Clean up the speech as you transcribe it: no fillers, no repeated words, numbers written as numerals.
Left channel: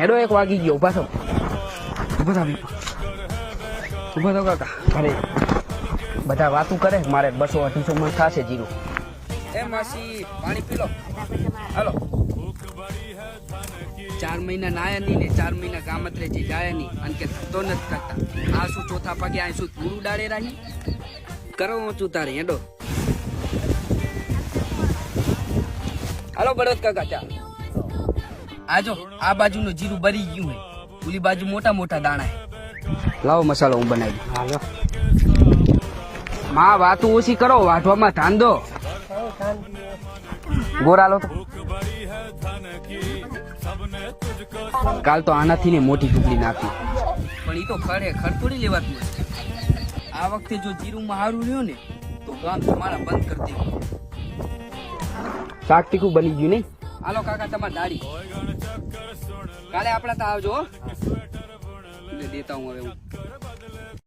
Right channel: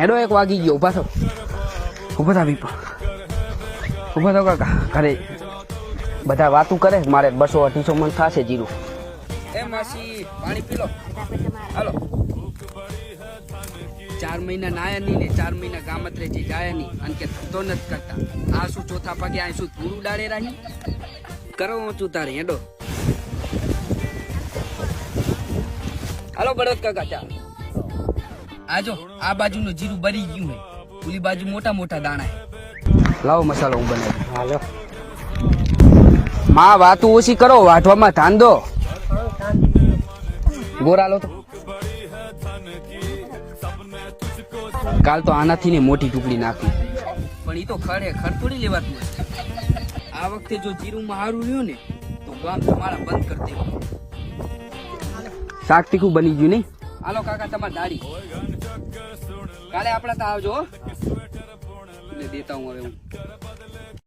હેડો 1 વાગી ગયો. ઉભા થો બીપો, ઉભા થો કાકા. અરે બધા વાતું કરે, મારે 200-250 મણ થશે જીરું. એ માસી પાણી પી લો. હાલો 4 મહિના નાયા નહીં ને 4 મહિના ગામત્રે જી જાય નહીં અને કે ધક્તો નથી કરતા. આ શું ચોથા પગે આ શું ધૂળ ઉડાડે રહી કરો ઊંચું તારે. હેડો હાલો બળદ કાકા. ચાલ આજો આ બાજુનું જીરું બરી ગયું હે, ઓલી બાજુ મોટા મોટા દાણા હે. લાવો મસાલો હું બનાવી. માં વાતું ઓછી કરો, વાઢવામાં ધાન દો. ગોરા લો તો. કાલ તો આનાથી ને મોટી ટુકડી નાખી, પણ એ તો ખરેખર થોડી લેવાતું હોય. આ વખતે જો જીરુંમાં સારું રહ્યું ને તો ગામ તમારા બંધ કરી દેવું. શાક તીખું બની ગયું નહીં. હાલો કાકા તમારી દાડી. કાલે આપણા તો આવજો. એટલે દેતા હું હવે હું